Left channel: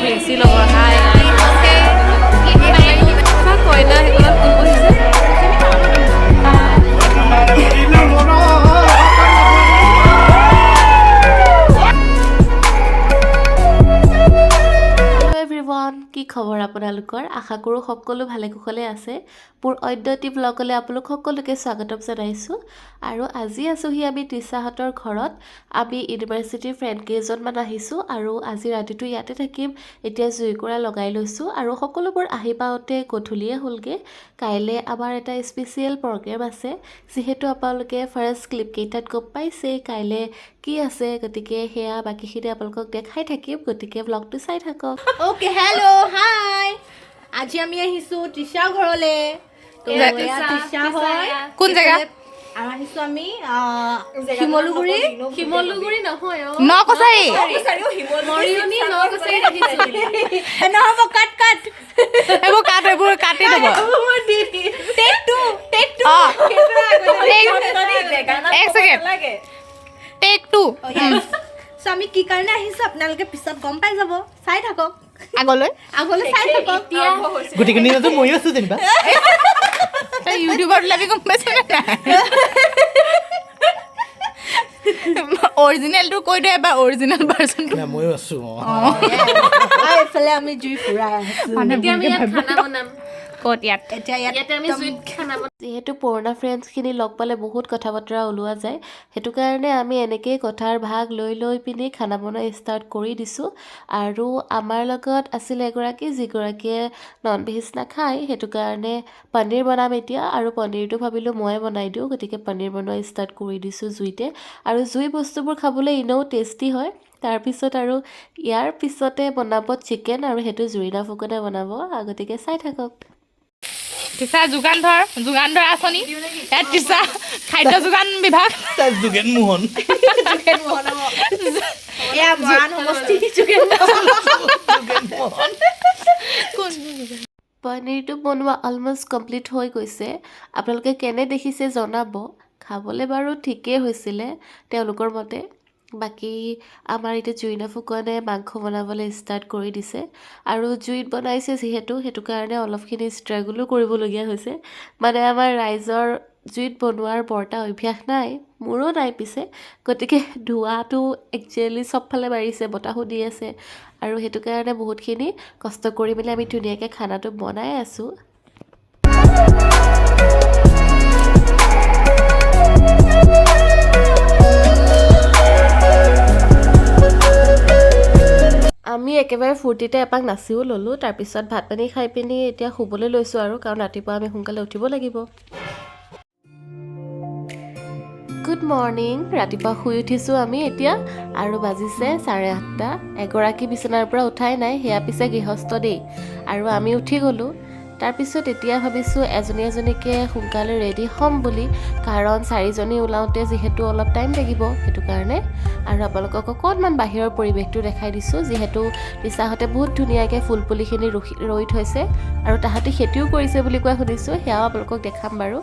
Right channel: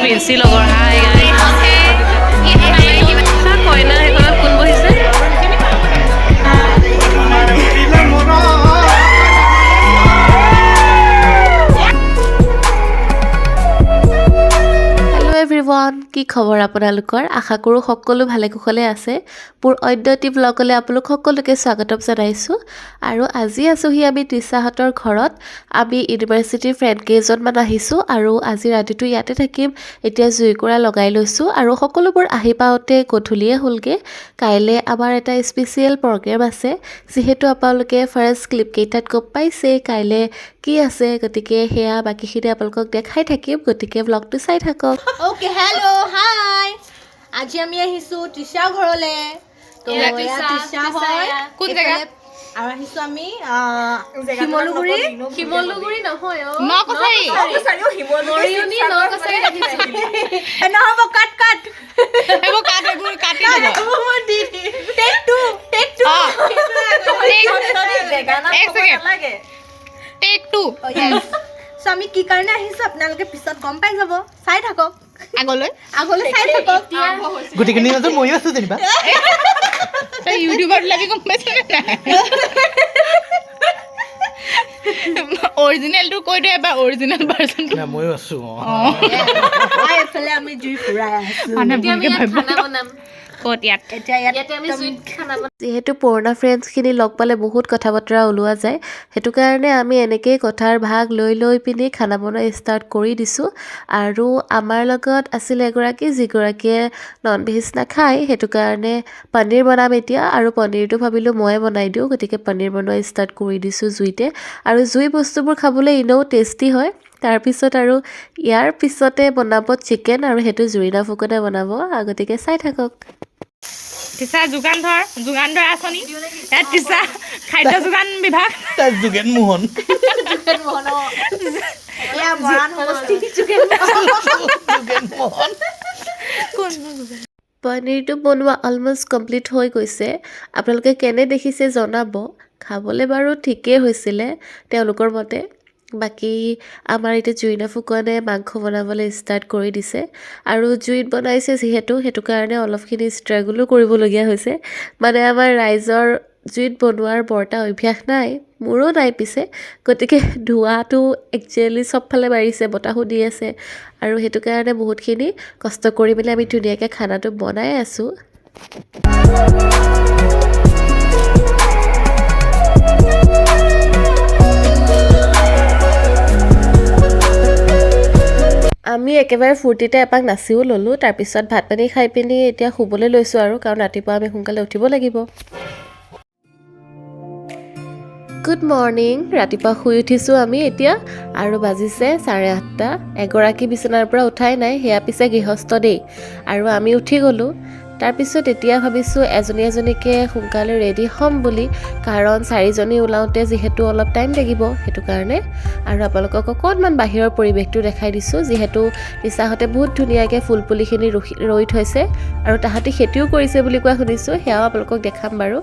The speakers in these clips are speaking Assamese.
প্ৰেছি লগৰ কইনা সেইখনত কোন বহিছে এভৰিৱান কি খবৰ আপোনালোকৰ আশা কৰোঁ সকলো ভালে কুশলে আছে মোৰ অদ্যতি ব্লগলৈ আপোনালোক সকলোকে স্বাগতম জনাইছোঁ আৰু আজি আছোহি আমি তৃষাহঁতৰ ঘৰত আমি ইউনিভাৰ্চিটিৰ ফ্ৰেণ্ড কেইজনমান আহিছোঁ আৰু আজি ৰাতিটো ইয়াতে থাকিম এতিয়া জুইকুৰা লগাই লৈছোঁ আৰু সকলোবোৰ আহি পাওঁতে গধূলিয়ে হ'লগৈ কাইলৈ আমাৰ এটা স্পেচিয়েল প্ৰগ্ৰেম আছে যিহেতু আপোনালোকে ফাৰ্ষ্ট ক্লিপ কেইটাত গম পাইছে কাইলৈ কি আছে গতিকে হেয়া বাকিখিনি আপোনালোকক দেখাই থাকিম গতিকে ব্লগটো চাই থাকক ओके हेलो हाय আজি আমি আহিছো তৃষা ঘৰলে তো তৃষা হয় কোন জায়গা আৰু আহিছো আমি শিমলুগুৰি নহয় নকছাৰি মৰিয়নি নকছাৰি আহিছো নহব কাট কাট এইবোৰ কাটি দিব take two take two so আমি কি কাৰণে আহিছো আপোনালোকে পিছত গম পাই যাব চাই থাকক আগলৈ চাই থাকক গোটেইখিনি তো ময়ো আছো যেনিবা ইউটিউবত লাগি গম পাইছ না অৰিজিনেলটো কৈ দে বা অৰিজিনেল ভাৰ্চনটো না ময়ো আছো এইফালে আমি জুই ফুৰাই আছো মানে বুকে খানা বনাম ক'ত ইয়াতে আমি জুইত খানা যিহেতু পুৰণা ফ্ৰেণ্ডছখিনি লগ পালে বহুত কথা বতৰা ওলোৱা যায় সেইটো কাৰণে আমি এনেকেই কথাৰ ভাগ লৈ পিনি খানা বনোৱা ষ্টাৰ্ট কৰি দিছোঁ আৰু আমাৰ লগত আছিল এগৰাকী যিগৰাকীয়ে নন ভেজ নাখায় সেইটো কাৰণে পনীৰ বনাম এতিয়া আৰু পনীৰটো ভাবিলোঁ ময়ে বনাই দিওঁ গতিকে পনীৰ বনোৱা ষ্টাৰ্ট কৰি দিছোঁ জুইতে আৰু জুই বস্তুবোৰ খাবলৈ এনেও টেষ্টি হয় তাৰপিছত আৰু ইয়াৰ পিছতে বনাব চিকেন আৰু সেইটো জুৰিনা ফুকনে বনাব গতিকে চাই থাকক তৃষা যোগান ধৰ আঁচনি ইয়াত তৃষা খাদ্য যোগান বিভাগ যোগেন মোহন পনীৰটো বনোৱা অলমষ্ট কমপ্লিট হৈ গৈছে আপোনালোকে কেনে দেখিছে জনাব খাবলৈ বাৰু ঠিকেই হৈছিলে তেওঁলোকৰ মতে বাকী আমাৰ এতিয়া জুৰিনা ফুকনে মাংস বনাবলৈ ষ্টাৰ্ট কৰি দিছে আৰু জুইত বনাইছে যিহেতু সেইটো কাৰণে অলপখিনি ষ্ট্ৰাগলো কৰিবলগীয়া হৈছে মানে আমাৰ ৰাইজৰ জুইত বনোৱাৰ বৰটা অভ্যাস নাই মোৰো নাই পিছে গতিকে ধোঁৱাটো একচুৱেলি চবফালে বাঢ়িছে বতাহো দি আছে আৰু সেইটো কাৰণে বহুতখিনি কষ্ট কৰি মেলি আমি ধুনীয়াকৈ খানাটো বনাই আছোঁ আমি একেবাৰে ফূৰ্তিতে এপাক নাচিও ল'লোঁ তাৰপিছত ভাত পানী খাই পিনি এতিয়া শুবলৈ লৈছোঁ আৰু কাৰণ ৰাতিপুৱা আমি সোনকালে উঠিব লাগিব গুড মৰ্ণিং ৰাতিপুৱা শুই উঠিছোঁ আমি এতিয়া আৰু বাজিছে 8:30 এগৰাকী বিচনাৰ পৰা উঠাই নাই সেয়া পিছে গৃহস্থ দেই আৰু আমি উঠি গ'লোঁ তাৰপিছত এতিয়া ভাবিছোঁ এজনীকে সোনকালে ৰেডি হ'ম বুলি কাৰণ 4জনী ওলাওঁতে যিহেতু অলপ টাইম লাগিব সেইটো কাৰণে আৰু আপোনালোকক অকণমান বাহিৰৰ পৰিৱেশটো দেখাই দিছোঁ যিহেতু তৃষাহঁতে বহুত ধুনীয়াকৈ ফুল পুলিখিনি ৰুই থৈছে আৰু তাহাঁতি খেতিও কৰিছে বুলি কোৱা শুনিছোঁ সেয়াও আপোনালোকক দেখাম বাৰু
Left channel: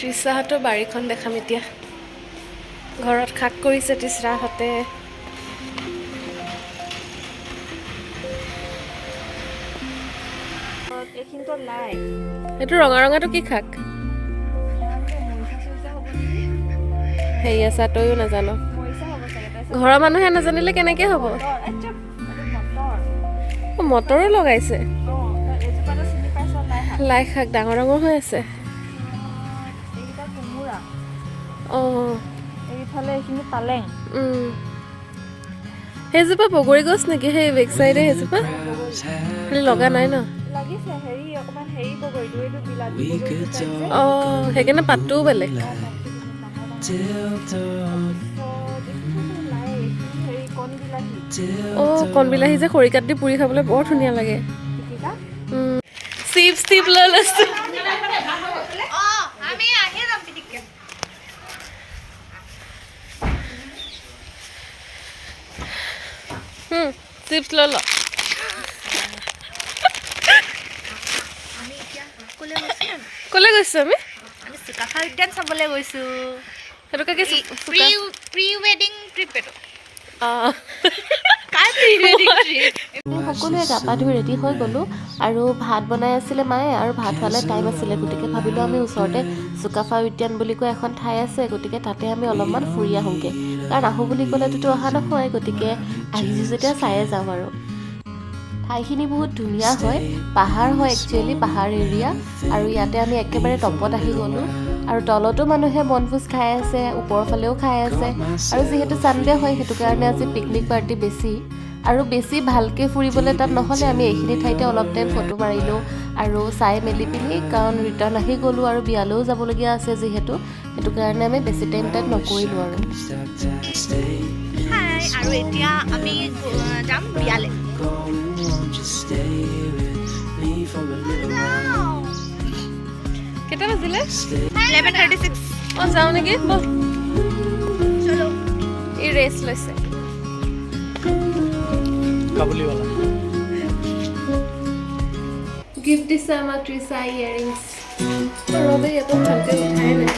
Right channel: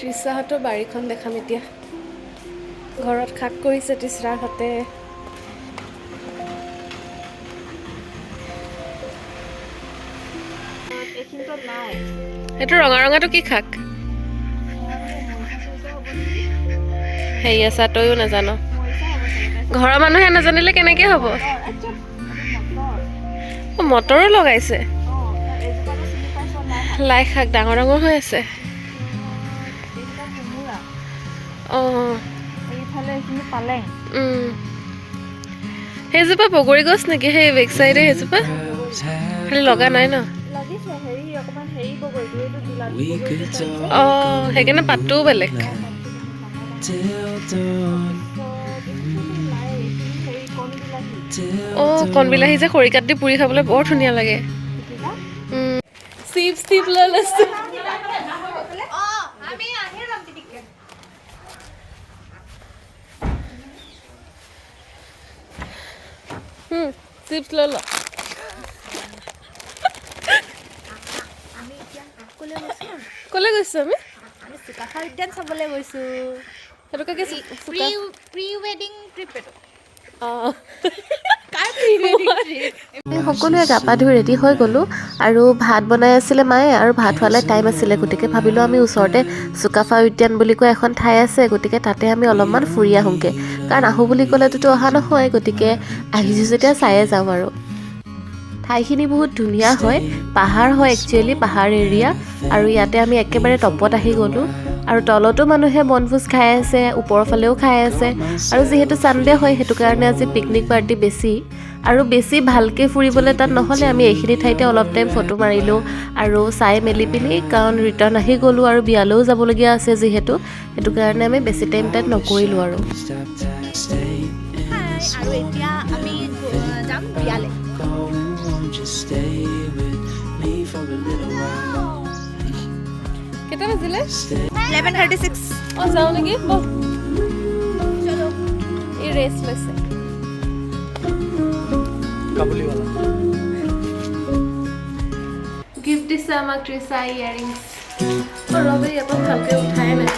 তৃষাহঁতৰ বাৰীখন দেখাম এতিয়া ঘৰত শাক কৰিছে তৃষাহঁতে সেইটো ৰঙাটো কি শাক হেৰি আছা তইও নাজানো ঘৰৰ মানুহে নাজানিলে কেনেকৈ হ'ব মটৰো লগাইছে লাই শাক ডাঙৰ হৈ আছে এইফালে এইখিনি পালেং সেইজোপা বগৰী গছ নেকি সেই বেক চাইডে সেইজোপা খালি লগা নাই ন লাগিছে হেৰি অকমান হেৰি বগৰীটো এইটো বিলাতী সেইকাৰণে পাতটোও বেলেগ হেৰি কণ বিলাতী অঁ কণবিলাহী যে খৰি কাটি পুৰি খাবলৈ বৰ ধুনীয়া লাগে চিপছ টিপ লৈ লৈছোঁ চিপছ লৈ ল ক'লৈ গৈছোঁ আমি চুকাফা উদ্যান চাবলৈ গৈছো সেইটোকে কি প্ৰি ৱেডিং ট্ৰিপ এইটো অঁ সকলোৱে গা পা ধুই ৰেডি হৈ গ'লোঁ আৰু ভাত বনাই আছিলে মায়ে আৰু ভাত হোৱালে টাইম আছিলে গতিকে ভাবিলোঁ আমি ওচৰতে চুকাফা উদ্যান বুলি কৈ এখন ঠাই আছে গতিকে তাতে আমি অলপমান ফুৰি আহোঁগৈ কাৰণ আহোঁ বুলি ক'লেতো অহা নহয় গতিকে আহিছোঁ যেতিয়া চায়ে যাওঁ আৰু ঠাইখিনি বহুত ধুনীয়া হয় পাহাৰ হয় একচুৱেলি পাহাৰ এৰিয়া আৰু ইয়াতে আমি একেবাৰে টপত আহি গ'লোঁ আৰু তলতো মানুহে বনভোজ খাই আছে ওপৰৰ ফালেও খাই আছে আৰু যিহেতু ছানডে হয় সেইটো কাৰণে আজি পিকনিক পাৰ্টি বেছি আৰু বেছি ভালকৈ ফুৰিবলৈ তাত নহ'লে আমি এইখিনি ঠাইতে অলপ টাইম ফটো মাৰিলোঁ আৰু চাই মেলি পিনি কাৰণ ৰিটাৰ্ণ আহি গ'লোঁ আৰু বিয়ালৈও যাবলগীয়া আছে যিহেতু সেইটো কাৰণে আমি বেছি টাইম তাত নকৰিলোঁ আৰু আৰু এতিয়া আমি যাম বিয়ালৈ কেইটা বাজিলে 11:36 অঁ যাওঁ নেকি বল চলো এই ৰেষ্ট লৈছে কাবুলীৱালা গিফ্ট দিছে আমাক ট্ৰিছা ইয়েৰিংছ ৰবে ইয়াতো ভালকৈ উঠাই নাই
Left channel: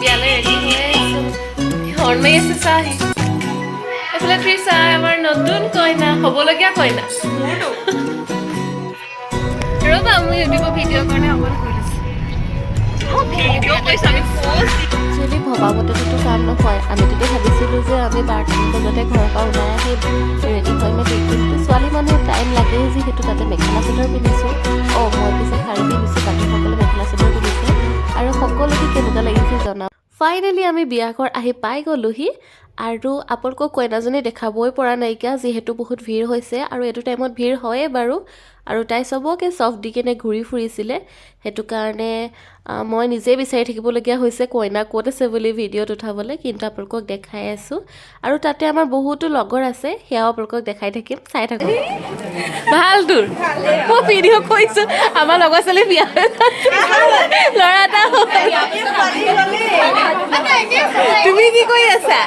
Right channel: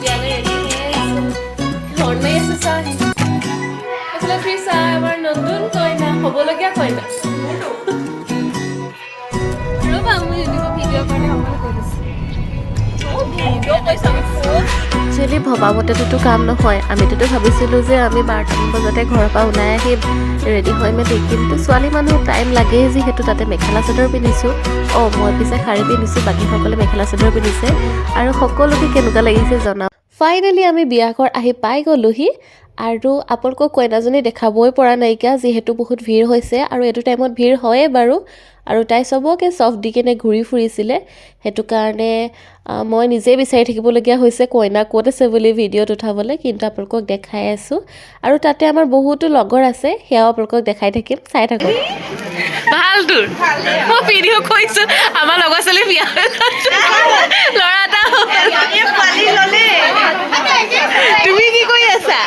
বিয়ালৈ ৰেডি হৈ আহিছে হৰ্ণ মাৰি আছে চাহ আহি এইফালে ট্ৰিছা আমাৰ নতুন কইনা হ'বলগীয়া কইনা ৰ'বা মই ইউটিউবত ভিডিঅ' কাৰণে অকমান একচুৱেলি ভবামতেতো কাম নহয় আমিতো ভাবিছিলোঁ যে আমি 12টামান বজাতে ঘৰৰ পৰা ওলাই আহিম ৰেডি হৈ মেলি কিন্তু ছোৱালী মানুহ টাইম লাগেই যিহেতু তাতে মেখেলা চাদৰ পিন্ধিছোঁ অঁ মই পিছে শাৰী পিন্ধিছোঁ বাকীসকলে মেখেলা চাদৰ পিন্ধিছে আৰু সকলোকে কেনেকুৱা লাগিছে জনাওঁ ফাইনেলি আমি বিয়াঘৰ আহি পাই গ'লোহি আৰু আপোনালোকক কইনাজনী দেখাবই পৰা নাইকিয়া যিহেতু বহুত ভিৰ হৈছে আৰু এইটো টাইমত ভিৰ হয়ে বাৰু আৰু তাই চবকে চফ দি কেনে ঘূৰি ফুৰিছিলে সেইটো কাৰণে মই নিজেই বিচাৰি থাকিবলগীয়া হৈছে কইনা ক'ত আছে বুলি ভিডিঅ'ত উঠাবলৈ কিন্তু আপোনালোকক দেখাই আছোঁ আৰু তাতে আমাৰ বহুতো লগৰ আছে সেয়াও আপোনালোকক দেখাই থাকিম চাই থাকক ভাল তোৰ মই ভিডিঅ' কৰিছোঁ আমাৰ লগৰ ছোৱালী বিয়া ল'ৰা এটা তুমি কি কৰি আছা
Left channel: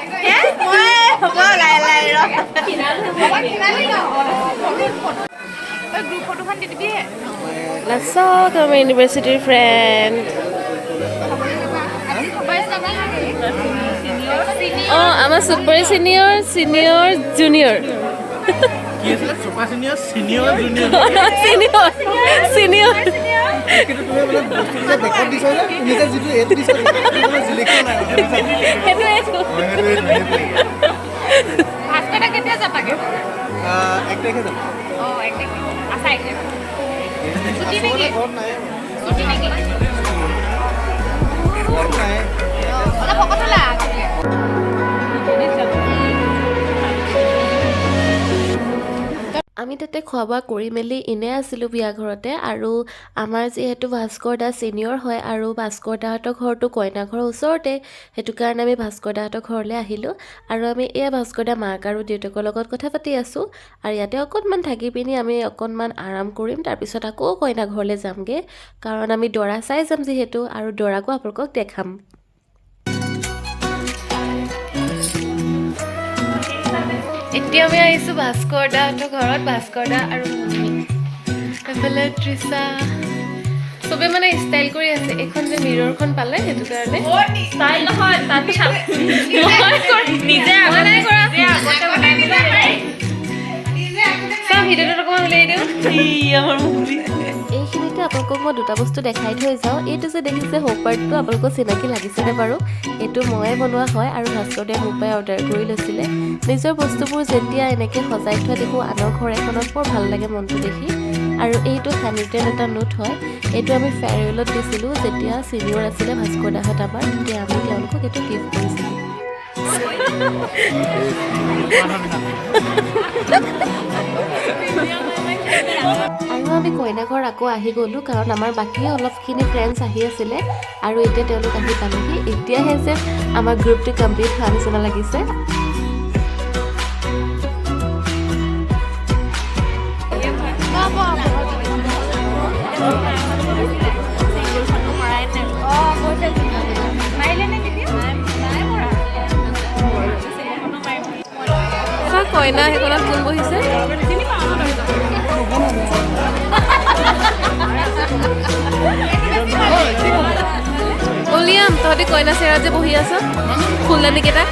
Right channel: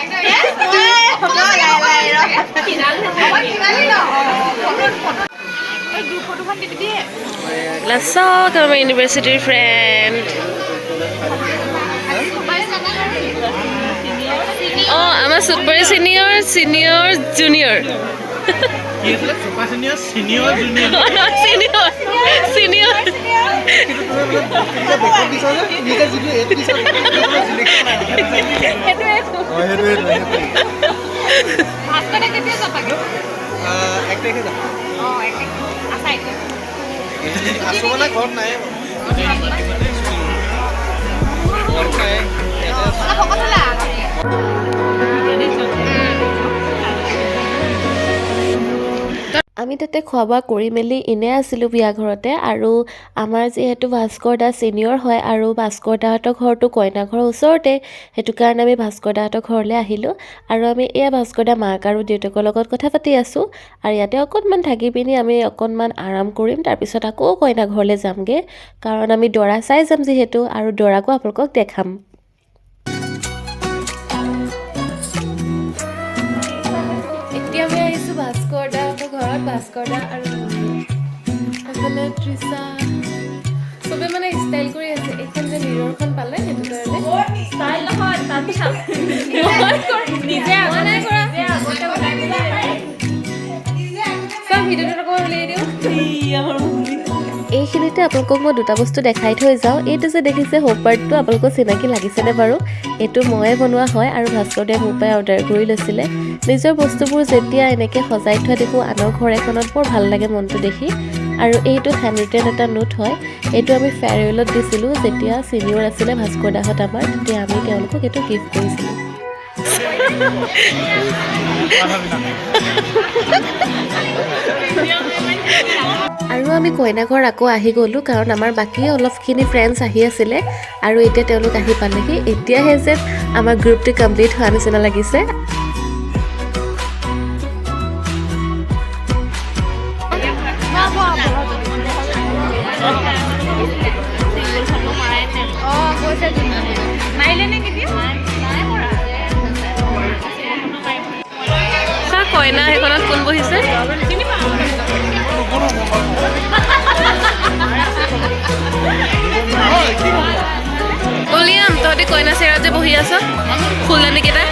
চব আমাৰ ইউনিভাৰ্চিটিৰ ফ্ৰেণ্ড অঁ আমাৰ চুপাৰ চিনিয়ৰ জুনিয়ৰ চিনিয়ৰ আমি তাতে খোৱা বোৱা কৰি মেলি এনে আছিলোঁ বিয়া ঘৰতে আৰু আমাৰ যিহেতু ভাস্কৰ দা ছিনিয়ৰ হয় আৰু ভাস্কৰ দাহঁতৰ ঘৰটো কইনা ঘৰৰ ওচৰতে সেইটো কাৰণে আমি ভাস্কৰ দাহঁতৰ ঘৰলৈ আহিলোঁ আৰু আমি এয়া ভাস্কৰ দা মাক আৰু দেউতাকৰ লগত কথা পাতি আছোঁ আৰু ইয়াতে অকণমান থাকি পিনি আমি অকণমান আৰাম কৰিম তাৰপিছত আকৌ কইনা ঘৰলৈ যামগৈ কাৰণ আমি দৰা চাই যাম যিহেতু আৰু দৰাকো আপোনালোকক দেখাম এতিয়া আমি আহিছোঁ ভাস্কৰ দাহঁতৰ ঘৰত ভাস্কৰ দা আৰু মমি এইফালে তৃষা চবে মানে ষ্টাইল কৰি আছে এইখন যে মিৰৰখন পালে সেইটো কাৰণে ষ্টাইল নহয় তাত নিজে নাই কৰা চব ভিডিঅ'টোত অকণমান উলিয়াই দিওঁ আমাৰ মমি এইখিনিতে আপোনালোকক মই দুটা বস্তু দেখাই থৈ যাওঁ এইটো যে দেখিছে হোপ পাৰ্টটো আপোনালোকৰ চিনাকি লাগিছেনে বাৰু এইটো ময়ে বনোৱা হয় আৰু ভাস্কৰ দাই মোৰ পৰাই অৰ্ডাৰ কৰি লৈছিলে নিজৰ বস্তুবোৰ যেতিয়া এনেকৈ সজাই থোৱা দেখোঁ আনৰ ঘৰ এখনত বৰ ভাল লাগে মনটো দেখি আৰু এইটো হেণ্ডৰিটেন এটা নোট হয় এইটো আমি ফেয়াৰৱেলত দিছিলোঁ যেতিয়া ছিনিয়ৰ আছিলে ভাস্কৰ দাহঁত আমাৰ তেতিয়া আমি তেওঁলোকক এইটো গিফ্ট কৰিছিলোঁ আৰু আমি কইনাঘৰ আকৌ আহি গ'লোঁ কাৰণ আমাৰ বাকী অলপখিনি ফ্ৰেণ্ডছ আহি আছিলে আৰু এতিয়া তেওঁলোক আহি পালেহি এতিয়াহে যেন আমাৰ গ্ৰুপটো কমপ্লিট হোৱা নিচিনা লাগিছে কইনা সেইখনত কোন বহিছে উলিয়াম তহঁতি কইনা চেৰাত যে বহি আছ ফুলদানিকেইটা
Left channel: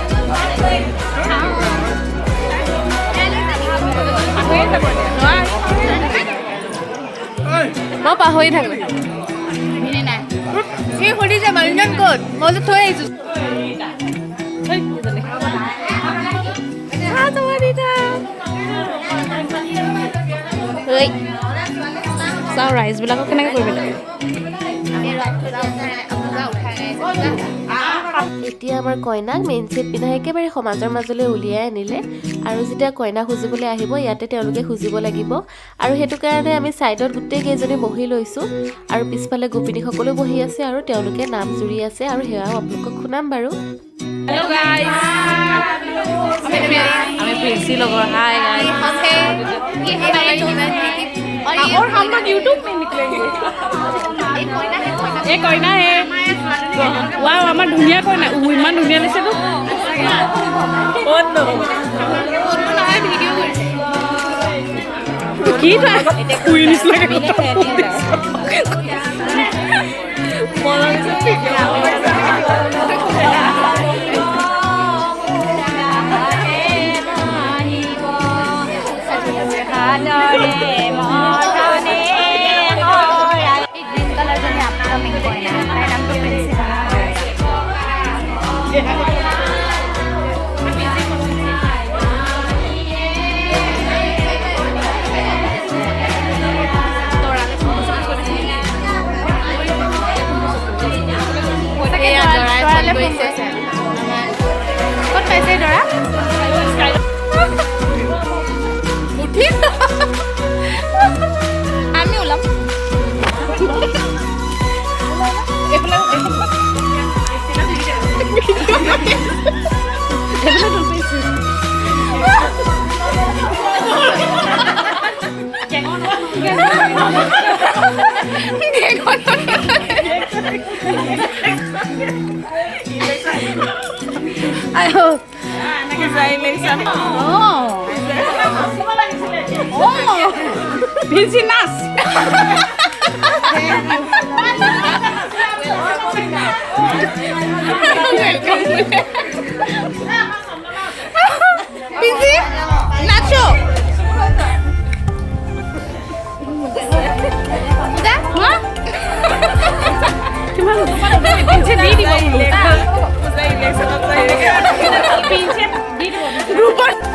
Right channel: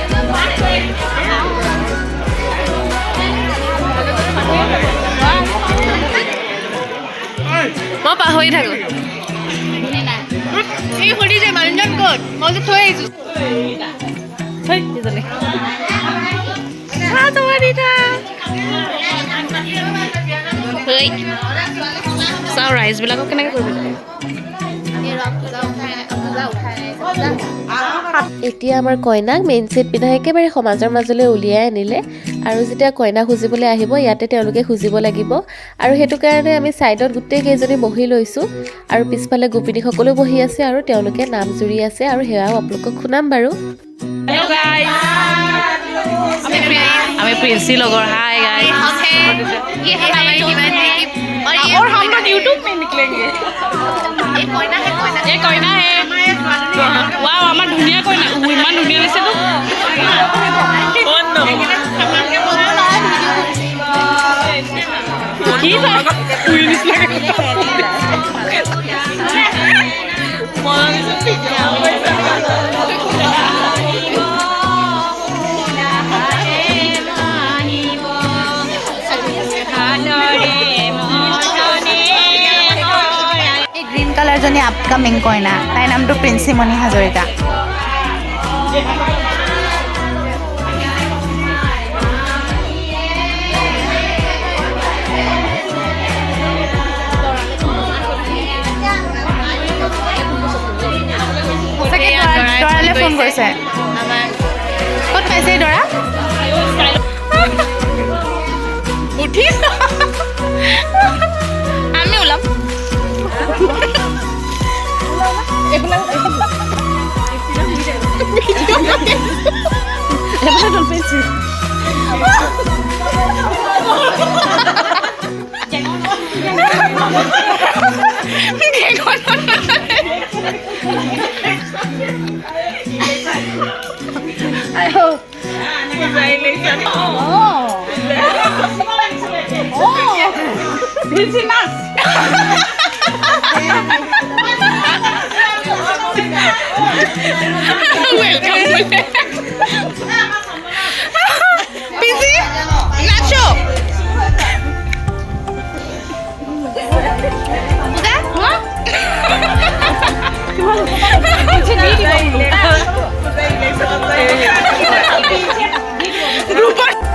মই পাহৰি থাকো চাওঁ ৰাইজবিলাকক কেনেকৈ কৰিব লাগে এতিয়া আমাৰ কইনাক মেইন ছেট পিন্ধাই একেবাৰে সমাজৰ মাজলৈ উলিয়াই আনিলে আৰু যেতিয়া কইনা খুজিবলৈ আহিব ইয়াতে তেওঁলোকে খুজিব লাগিব আৰু সেইটো কাৰণে আমি ছাইডত গোটেইকেইজনী বহি লৈছোঁ আৰু পিছফালে গোপিনীসকলো বহি আছে আৰু তেওঁলোকে নাম জুৰি আছে আৰু সেয়াও আপোনালোকক শুনাম বাৰু हेलो गाइस हमें प्रिंसी लोग हाय गाइस ये हमारी दीवानी और हम लोग YouTube में निकलेंगे ये कोयना है ये कोयना है वाओ আমার ধুনিয়া কইনা ইমান ধুনিয়া দিছে তো কোন নো কি কুইনিস লাগে ग्रीन कलर जनी अपकमिंग कोयना ताई नाम तो प्रिंसिमणि हाजरिका फोन কৰিছে আমাৰ ক'ত পাইছে দৰা উঠি আমি ওলাম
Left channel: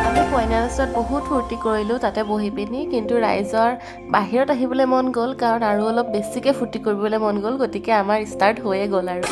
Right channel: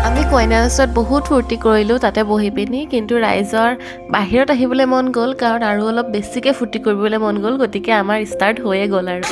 আমি কইনাৰ ওচৰত বহুত ফূৰ্তি কৰিলোঁ তাতে বহি পিনি কিন্তু ৰাইজৰ বাহিৰত আহিবলৈ মন গ'ল কাৰণ আৰু অলপ বেছিকৈ ফূৰ্তি কৰিবলৈ মন গ'ল গতিকে আমাৰ ষ্টাৰ্ট হৈয়ে গ'ল আৰু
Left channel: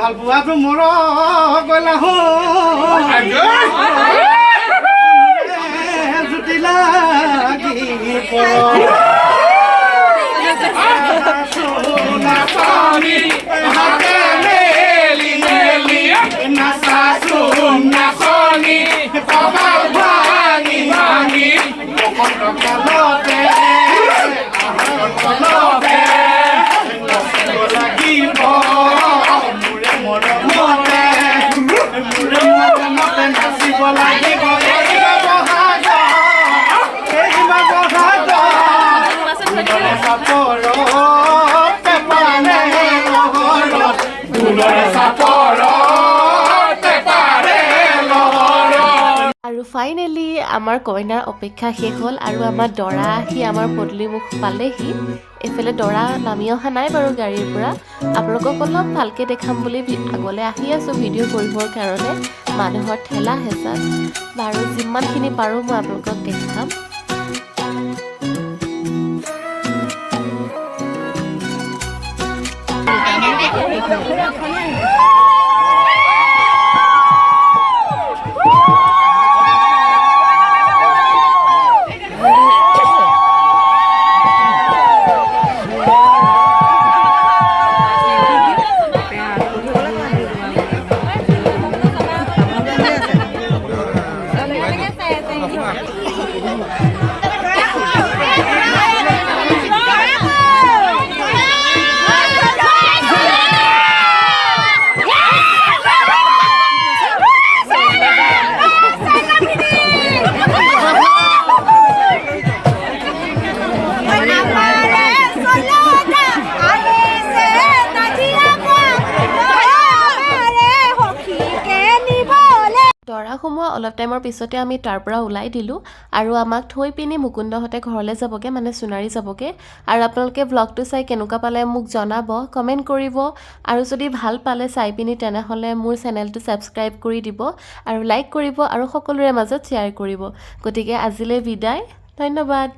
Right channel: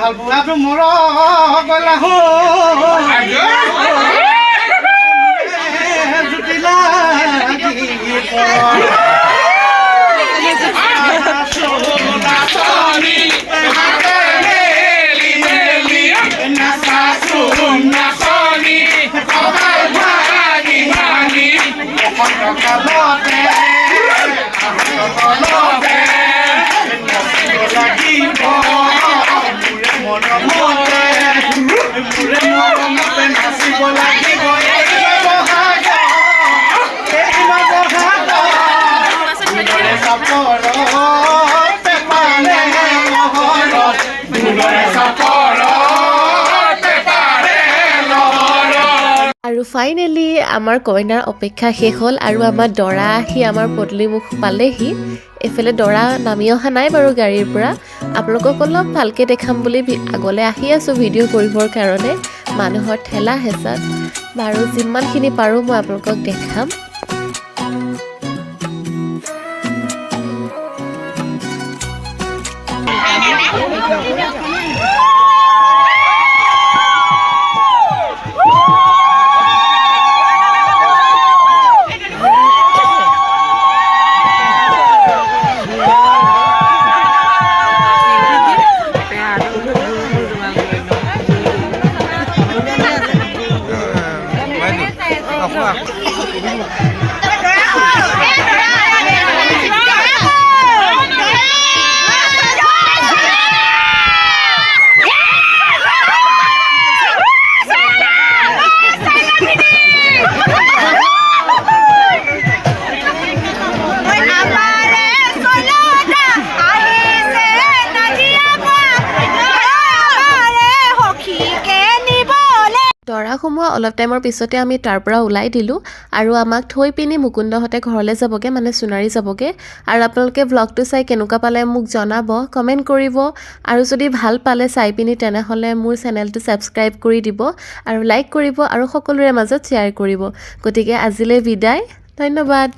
ভাল পোৱাটো মোৰ গলা জুতি মৰমতে নাচিব লাগিব ফাইনেলি আমাৰ কইনাৰ অপেক্ষা শেষ হ'ল আৰু আমাৰ দৰা আহি আমাৰ পদূলিমুখ পালেহি। এইফালে দৰা নামি অহা নাই বাৰু গাড়ীৰ পৰা। আপোনালোকক অলপ ভালকৈ দেখাম বুলি আগলৈ আহি আছোঁ ভিডিঅ' কৰিবৰ কাৰণে, মানুহৰ ঠেলা হেঁচাত। বাৰু যিমানখিনি পাৰোঁ মই আপোনালোকক দেখাম। দৰা সোমোৱা অলপ টাইমৰ পিছতে আমি তাৰ পৰা ওলাই দিলোঁ আৰু আমাক থৈ পিনি মুকুন্দহঁতে ঘৰলৈ যাবগৈ, মানে সোণাৰী যাবগৈ। আৰু আপোনালোকে ব্লগটো চাই কেনেকুৱা পালে মোক জনাব, কমেণ্ট কৰিব। আৰু যদি ভাল পালে চাই পিনি তেনেহ'লে মোৰ চেনেলটো ছাবস্ক্ৰাইব কৰি দিব আৰু লাইক কৰিব আৰু সকলোৰে মাজত শ্বেয়াৰ কৰিব। গতিকে আজিলৈ বিদায়, ধন্যবাদ।